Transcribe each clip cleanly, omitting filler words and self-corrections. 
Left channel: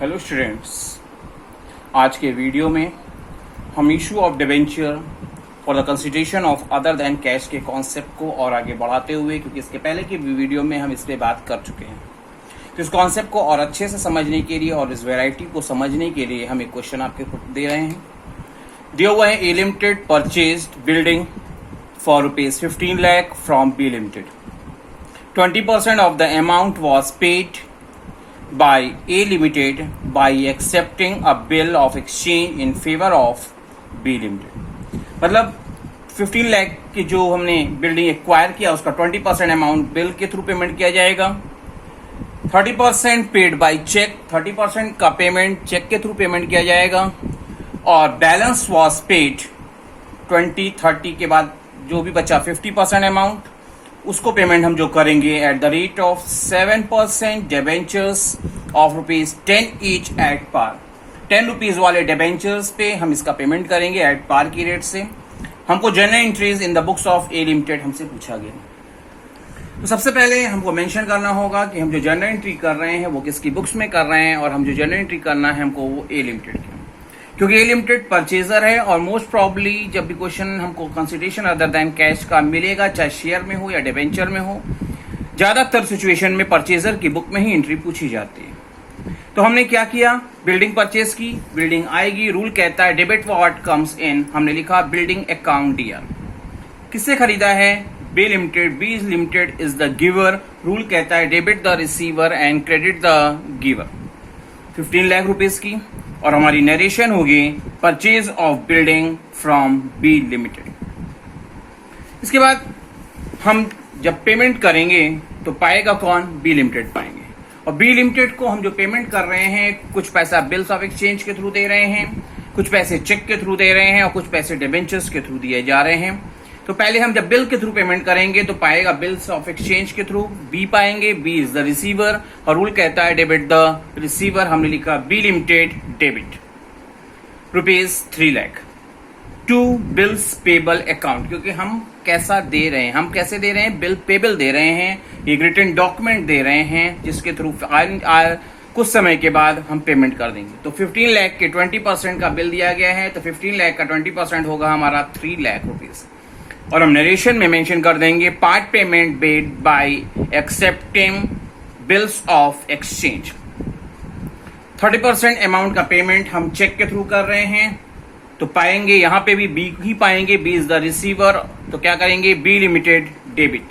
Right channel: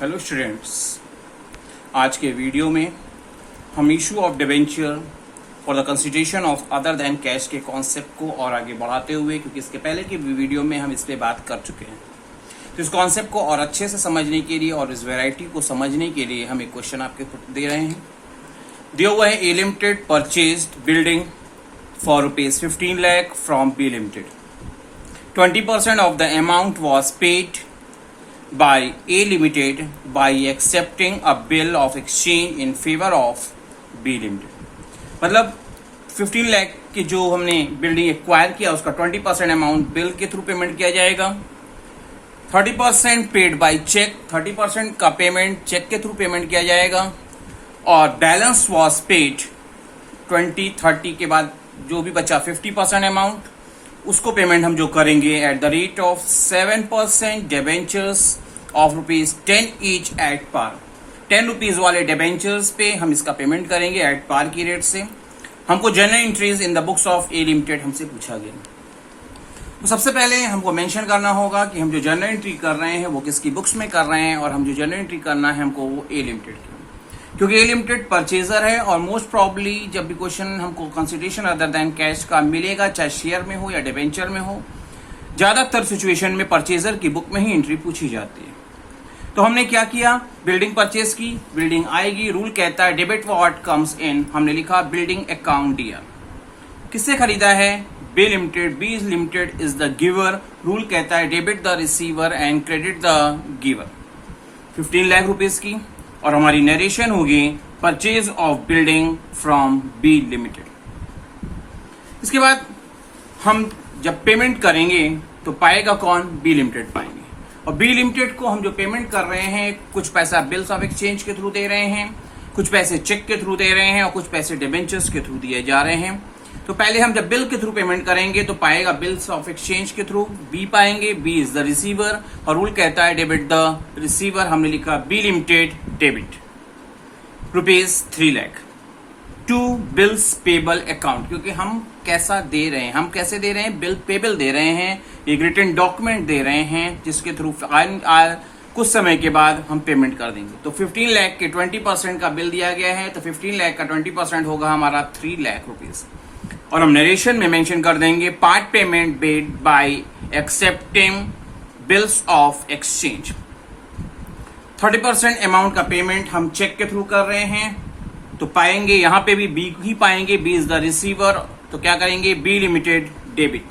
Hello students, आज के video में हम issue of debenture for the consideration of other than cash के कॉन्सेप्ट को और आगे बढ़ाते हुए, क्योंकि इसके पहले की वीडियो में हम इस पे बात कर चुके हैं, तो इस कॉन्सेप्ट को और अच्छे से समझने के लिए और इस वेराइटी को समझने के लिए हम एक क्वेश्चन आपके दे रहे हैं। दिया हुआ है A limited purchased building for ₹15 lakh from B limited. 20% of the amount was paid by A Limited by accepting a bill of exchange in favor of B Limited। मतलब 15 लाख की जो हमने बिल्डिंग एक्वायर किया उसका 20% अमाउंट बिल के through payment किया जाएगा। 30% paid by check, 30% का पेमेंट चेक के थ्रू पेमेंट किया जाएगा और बैलेंस वॉज पेड 20-30 के बाद जो भी बचा 50% अमाउंट उसको पेमेंट हम जो करेंगे at the rate of 7% debentures of ₹10 each at par. 10 rupees वाले डिबेंचर्स पे हम इसका पेमेंट करेंगे एट पार की रेट से। हमको general entries in the books of A limited हमसे पूछा गया। तो सबसे पहले हमको मेंशन करना होगा कि हम जो जनरल एंट्री कर रहे हैं वो किसकी बुक्स में कर रहे हैं, और हम जो जनरल एंट्री करना है हमको वो ए लिमिटेड की, क्योंकि ए लिमिटेड परचेजर है और मोस्ट प्रॉब्ली जब भी क्वेश्चन हमको कंसिडरेशन अदर देन कैश का मिलेगा, चाहे शेयर में हो या डिबेंचर में हो, ज्यादातर सिचुएशन में परचेजर की बुक में ही एंट्री पूछी जाती है। तो हमने क्या किया, बिल्डिंग परचेज की, बिल्डिंग आएगी, रूल कहता है डेबिट व्हाट कम्स इन, हमने लिखा बिल्डिंग अकाउंट दिया। किससे खरीदा है, B limited. B limited is the giver, rule कहता है debit the receiver and credit the giver. 15 lakh rupees की, और हमारी नरेशन होगी purchase of building from B limited. इसके बाद हम जब पेमेंट करेंगे तो पाएगा कौन, बी लिमिटेड पाएंगे। और बी लिमिटेड को हम जो पेमेंट कर रहे हैं, कुछ पैसा बिल्स ऑफ एक्सचेंज के थ्रू दे रहे हैं, कुछ पैसे चेक के थ्रू दे रहे हैं और कुछ पैसे डिबेंचर्स के थ्रू दिए जा रहे हैं। तो पहले हम जब बिल के थ्रू पेमेंट करेंगे तो पाएगा बिल्स ऑफ एक्सचेंज के थ्रू, बी पाएंगे, बी इज द रिसीवर और रूल कहता है डेबिट द रिसीवर। हमने लिखा B limited debit ₹3 lakh to bills payable account, क्योंकि हम कैसा दे रहे हैं, हम कैसे दे रहे हैं, बिल पेबल दे रहे हैं, एक रिटन डॉक्यूमेंट दे रहे हैं जिसके थ्रू कुछ समय के बाद हम पेमेंट कर देंगे। तो 15 लाख के 20% का बिल दिया गया है, तो 15 लाख का 20% होगा हमारा 3 लाख रुपीज। और हम नरेशन में मेंशन कर देंगे part payment made bye accepting bills of exchange. 30% amount का पेमेंट हम चेक के थ्रू कर रहे हैं, तो पाएंगे यहां पे भी बी ही पाएंगे, बी इज द रिसीवर। तो क्या करेंगे, B limited debit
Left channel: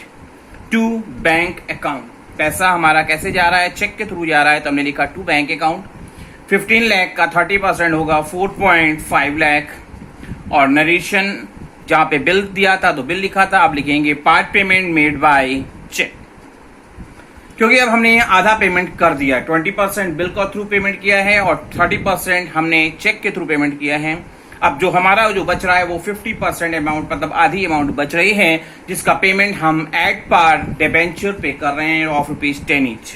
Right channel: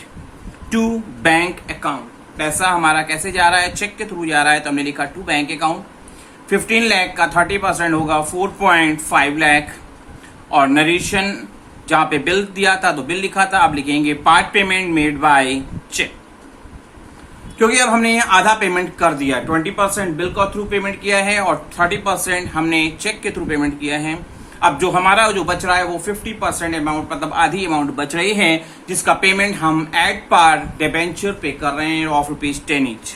to bank account. पैसा हमारा कैसे जा रहा है, चेक के थ्रू जा रहा है, तो हमने लिखा टू बैंक अकाउंट। 15 लाख का 30% होगा 4.5 लाख। और नरेशन जहां पे बिल दिया था तो बिल लिखा था, अब लिखेंगे part payment made by cheque, क्योंकि अब हमने आधा पेमेंट कर दिया। 20% बिल का थ्रू पेमेंट किया है और 30% हमने चेक के थ्रू पेमेंट किया है। अब जो हमारा जो बच रहा है वो 50% अमाउंट, मतलब आधी अमाउंट बच रही है, जिसका पेमेंट हम एट पार डिबेंचर पे कर रहे हैं ऑफ ₹10 ईच।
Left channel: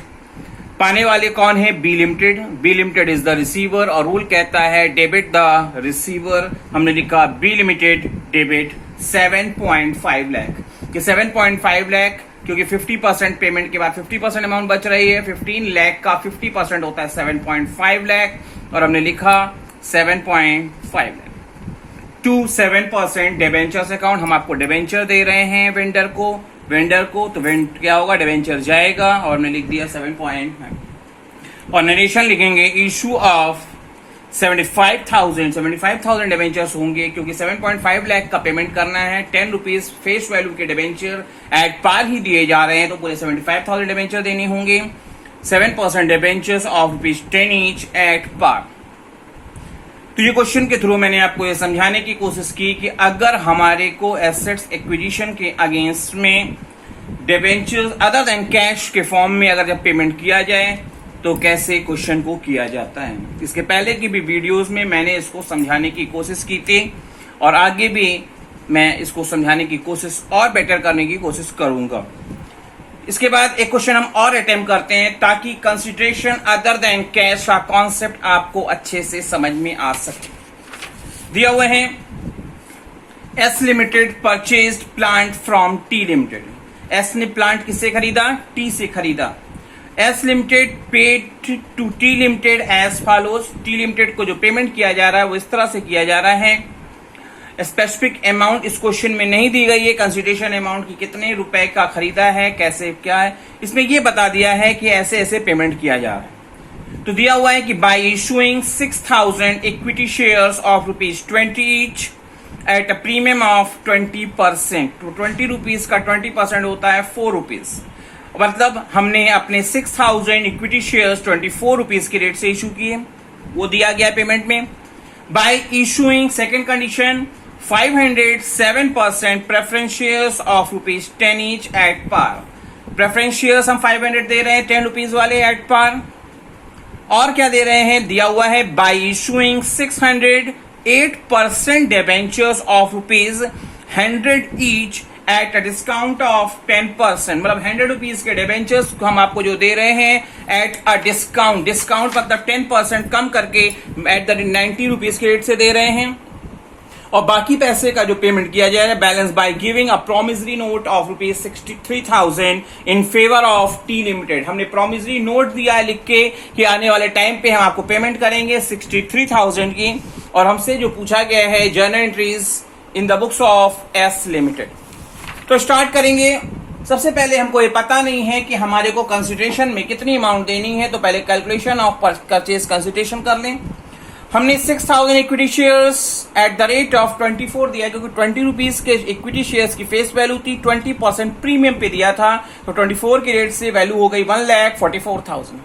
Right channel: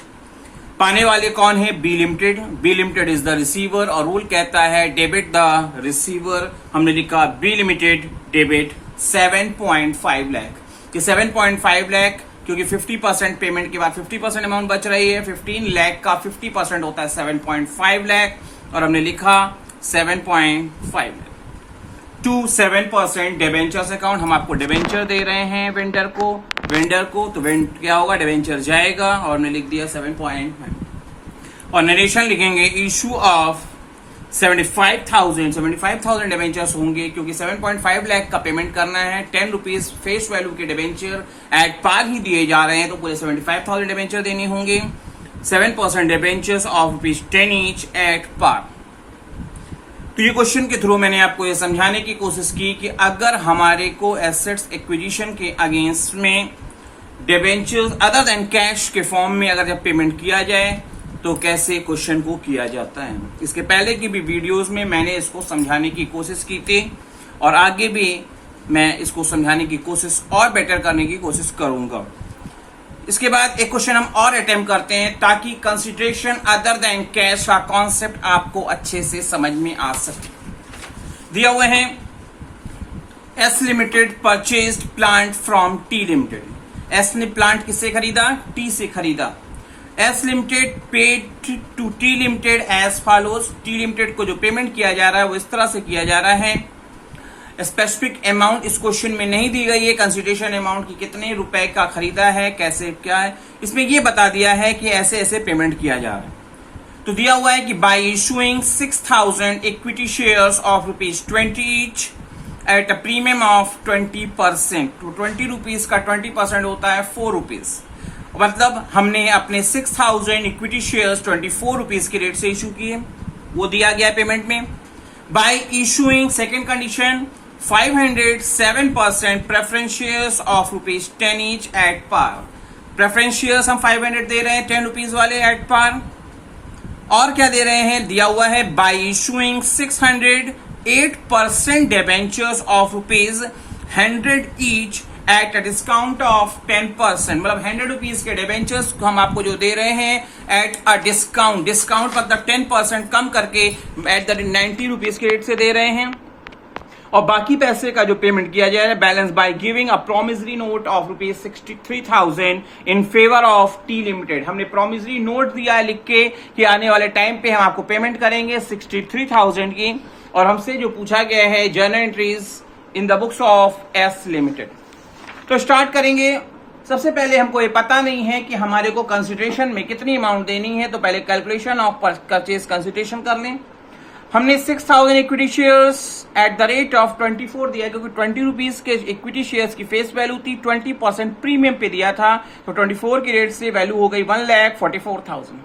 पाने वाले कौन है, B limited. B limited is the receiver और रूल कहता है डेबिट द रिसीवर। हमने लिखा बी लिमिटेड डेबिट 7.5 लाख। कि 7.5 लाख क्योंकि 50% पेमेंट के बाद 50% अमाउंट बच रही है, 15 लाख का 50% होता है 7.5 लाख, और हमने लिखा 7.5 लाख टू 7% डिबेंचर्स अकाउंट। हम आपको डिबेंचर दे रहे हैं वेंडर को, तो क्या होगा, डिबेंचर जाएगा और हमने लिख दिया 7.5। और नरेशन लिखेंगे इशू ऑफ 75,000 डिबेंचर्स होंगे, क्योंकि 7.5 लाख का पेमेंट करना है। 10 रुपीज फेस वैल्यू के डिबेंचर एट पार ही दिए जा रहे हैं, तो पूरे 75,000 डिबेंचर देने होंगे। 7% debentures of ₹10 each at par. तो ये क्वेश्चन के थ्रू मैंने आपको ये समझाने की कोशिश की कि अगर हमारे को एसेट्स एक्विजिशन के अगेंस्ट में डिबेंचर्स अदर देन कैश के फॉर्म में अगर जब पेमेंट किया जाए तो कैसे क्वेश्चन को किया जाता है। इसके पहले की भी वीडियोस में मैंने इसको समझाने की कोशिश की थी और आगे भी मैं इसको समझाने की कोशिश और बेटर करने की कोशिश करूंगा। इसके बाद एक क्वेश्चन हम और अटेम्प्ट करते हैं ताकि कंसिडरेशन अदर देन कैश का कॉन्सेप्ट आपको अच्छे से समझ में आ सके। दिया हुए हैं S limited purchased plant from T limited. S ने प्लांट किससे खरीदा, टी से खरीदा। S limited paid to T limited as follows. T limited को जो पेमेंट किया जा रहा है वो इस तरह से किया जा रहा है। स्पेसिफिक अमाउंट इस क्वेश्चन में नहीं दी गई है, कंसिडरेशन अमाउंट की कितने रुपए का खरीदा है, कैसे क्या है, इसमें ये बता दिया है कि ऐसे ऐसे पेमेंट किया जा रहा है। तो दिया हुआ है कि bye issuing 6000 equity shares of ₹20 each at a premium of 20%। तो 20 रुपीज का 20% होता है 4 रुपीज। मतलब हमने अपने 6000 इक्विटी शेयर्स 24 रुपीज के रेट से इशू किए, वो दिया गया पेमेंट में। By issuing second condition 507% preference shares of ₹10 each at par. Preference shares हम 500 दे रहे हैं 10 रुपीज वाले एट पार। और क्या दे रहे हैं, दिया हुआ है bye issuing 608% debentures of ₹100 each at a discount of 10%। मतलब 100 रुपीज के डिबेंचर्स हम आपको जो दे रहे हैं एट अ डिस्काउंट, डिस्काउंट मतलब 10% कम करके एट द 90 रुपीज के रेट से दे रहे हैं। और बाकी पैसे का जो पेमेंट किया जाएगा balance by giving a promissory note of ₹63,000 in favour of T limited. हमने प्रोमिसरी नोट दिया है लिख के कि आने वाले टाइम पे हम आपको पेमेंट करेंगे 63,000 की। और हमसे जो पूछा गया है journal entries in the books of S limited. तो स्टार्ट करेंगे। सबसे पहले हमको ये पता नहीं है कि हमारे को कंसिडरेशन में कितनी अमाउंट देनी है, तो पहले कैलकुलेशन ऑफ परचेज कंसिडरेशन कर लें। हमने 6000 equity shares at the rate of 24 दिया, क्योंकि 20 रुपीज के इक्विटी शेयर्स की फेस वैल्यू थी, 20% प्रीमियम पे दिया था, तो 24 के रेट से वैल्यू हो गई 1,44,000।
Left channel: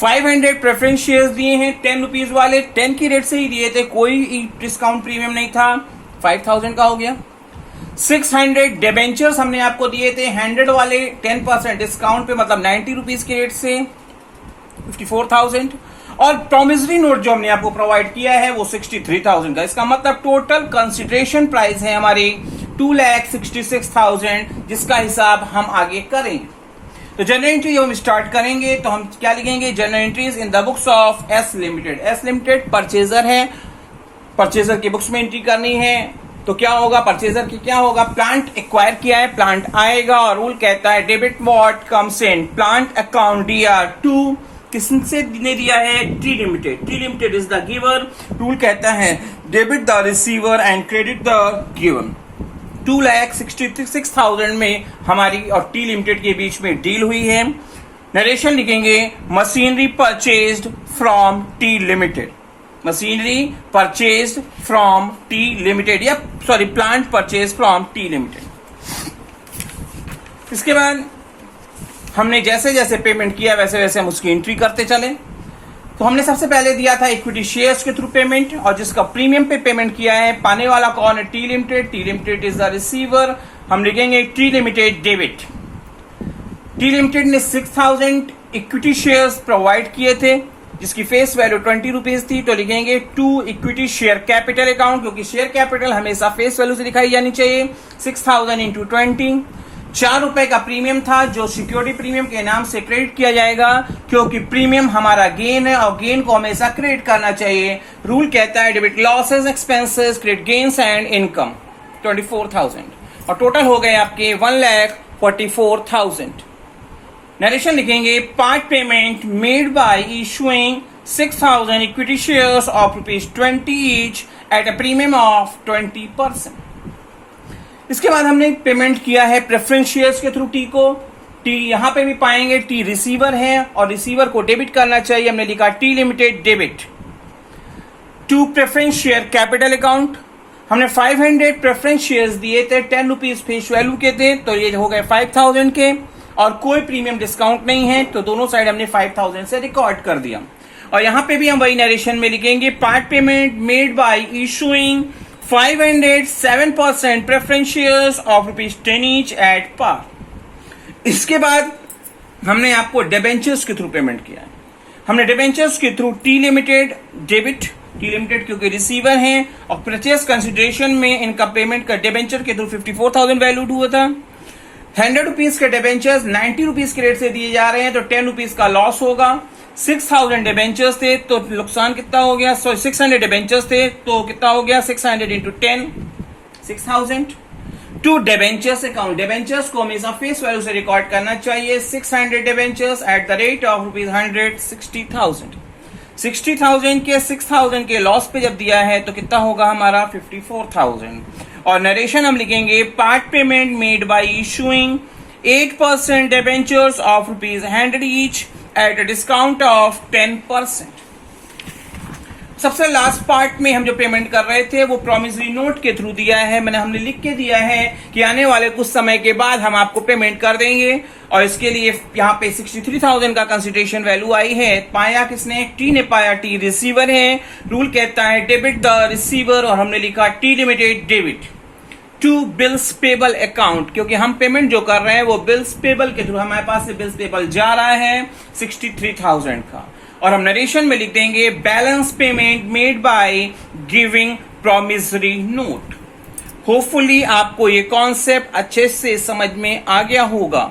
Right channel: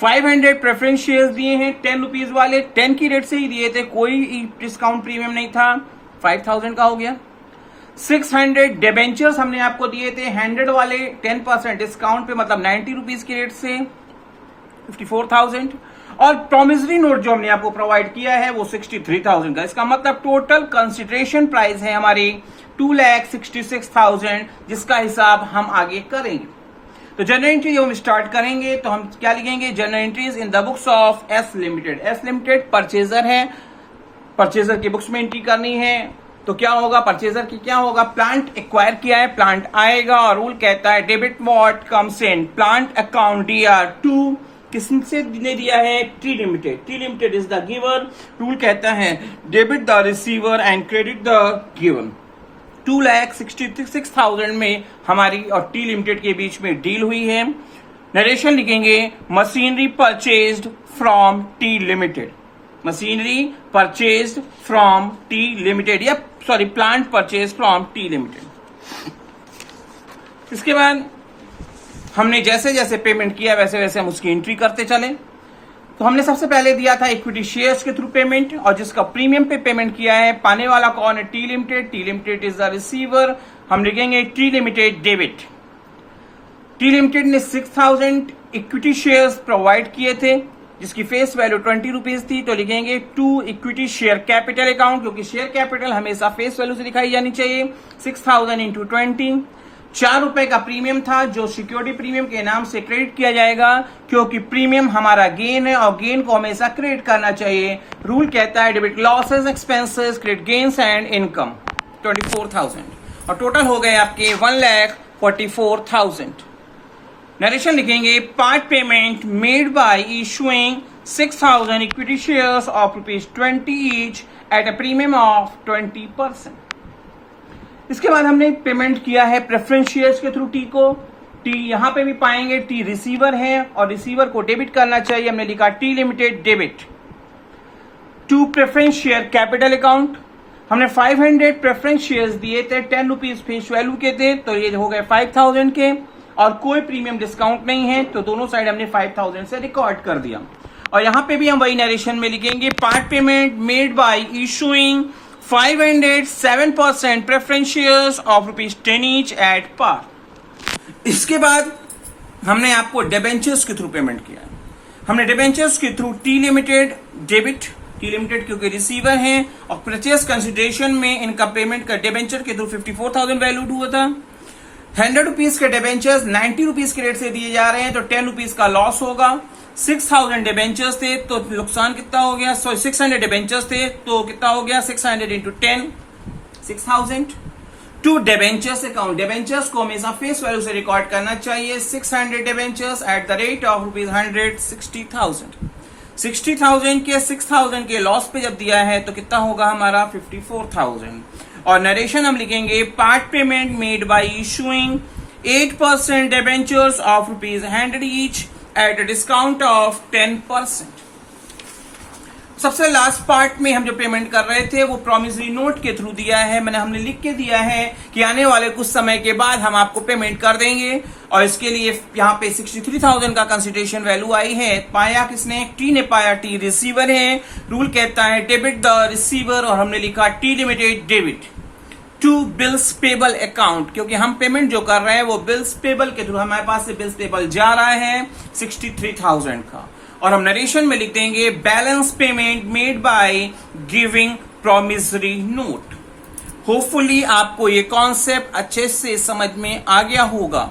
500 प्रेफरेंस शेयर्स दिए हैं 10 रुपीज वाले, 10 की रेट से ही दिए थे, कोई डिस्काउंट प्रीमियम नहीं था, 5000 का हो गया। 600 डिबेंचर्स हमने आपको दिए थे 100 वाले 10% डिस्काउंट पे, मतलब 90 रुपीज के रेट से 54,000। और प्रोमिसरी नोट जो हमने आपको प्रोवाइड किया है वो 63,000 का। इसका मतलब टोटल कंसिडरेशन प्राइस है हमारी 2,66,000, जिसका हिसाब हम आगे करें। तो जनरल एंट्री जब हम स्टार्ट करेंगे तो हम क्या लिखेंगे, general entries in the books of S limited. S limited purchaser है, परचेजर की बुक्स में एंट्री करनी है। तो क्या होगा, परचेजर की क्या होगा, प्लांट एक्वायर किया है, प्लांट आएगा और रूल कहता है debit what comes in plant account DR2। किससे ने दिया है, T limited. T limited is the giver. Rule कहता है debit the receiver and credit the given. 2,66,000 में हमारी और टी लिमिटेड के बीच में डील हुई है। नरेशन लिखेंगे machinery purchased from T limited. Machinery purchased from T limited, या sorry plant purchase from T limited. इसके बाद हमने जैसे जैसे पेमेंट किया वैसे वैसे हम उसकी एंट्री करते चले। तो हमने सबसे पहले दिया था इक्विटी शेयर्स के थ्रू पेमेंट, और जिसका प्रीमियम पे पेमेंट किया है, पाने वाला कौन है, T limited. T limited is the receiver. हम लिखेंगे T limited debit. T limited ने 6000 इक्विटी शेयर्स प्रोवाइड किए थे, जिसकी फेस वैल्यू 20 रुपीज थी, तो लिखेंगे to equity share capital account, क्योंकि शेयर कैपिटल हमेशा फेस वैल्यू से दिखाई जानी चाहिए। 6000 इंटू 20, 4 रुपए का प्रीमियम था जो सिक्योरिटी प्रीमियम के नाम से क्रेडिट किया जाएगा, क्योंकि प्रीमियम हमारा गेन है और गेन को हमेशा क्रेडिट करना चाहिए। रूल कहता है debit losses expenses credit gains and income 24,000, और टोटल हो गए आपके 1,44,000। नरेशन लिखेंगे part payment made by issuing 6000 equity shares of ₹20 each at a premium of 20%। इसके बाद हमने पेमेंट किया है प्रेफरेंस शेयर्स के थ्रू टी को। टी यहां पे भी पाएंगे, टी रिसीवर है और रिसीवर को डेबिट करना चाहिए। हमने लिखा T limited debit to preference share capital account. हमने 500 प्रेफरेंस शेयर्स दिए थे, 10 रुपीज फेस वैल्यू के थे, तो ये हो गए 5000 के, और कोई प्रीमियम डिस्काउंट नहीं है, तो दोनों साइड हमने 5000 से रिकॉर्ड कर दिया। और यहां पे भी हम वही नरेशन में लिखेंगे part payment made by issuing 507% preference shares of ₹10 each at par. इसके बाद हमने आपको डिबेंचर्स के थ्रू पेमेंट किया है। हमने डिबेंचर्स के through T limited debit, T limited क्योंकि रिसीवर हैं, और परचेस कंसिडरेशन में इनका पेमेंट का डिबेंचर के थ्रू 54,000 वैल्यूड हुआ था। 100 रुपीज के डिबेंचर्स 90 रुपीज के रेट से दिए जा रहे हैं, तो 10 रुपीज का लॉस होगा। 6000 डिबेंचर्स थे तो नुकसान कितना हो गया, 600 डिबेंचर्स थे तो कितना हो गया, 600 into 10 6000। To debentures account. Debentures को हमेशा फेस वैल्यू से रिकॉर्ड करना चाहिए। 600 debentures at the rate of ₹100, 60,000। 60,000 के 6,000 के लॉस पे जब दिया है तो कितना होगा हमारा 54,000। और नरेशन हम लिखेंगे part payment made by issuing 8% debentures of ₹100 each at a discount of 10%। सबसे लास्ट पार्ट में हम जो पेमेंट कर रहे थे वो प्रॉमिसरी नोट के थ्रू दिया है। हमने लिख के दिया है कि आने वाले कुछ समय के बाद हम आपको पेमेंट कर देंगे और इसके लिए यहाँ पे 63,000 का कंसिडरेशन वैल्यू आई है। पाया किसने? टी ने पाया। टी रिसीवर है। रूल कहता है डेबिट द रिसीवर और हमने लिखा T limited debit to bills payable account, क्योंकि हम पेमेंट जो कर रहे हैं वो बिल्स पेबल के थ्रू हमारे पास से बिल्स पेबल जा रहा है 63,000 का। और हम नरेशन में लिख देंगे balance payment made by giving promissory note. Hopefully आपको ये कॉन्सेप्ट अच्छे से समझ में आ गया होगा।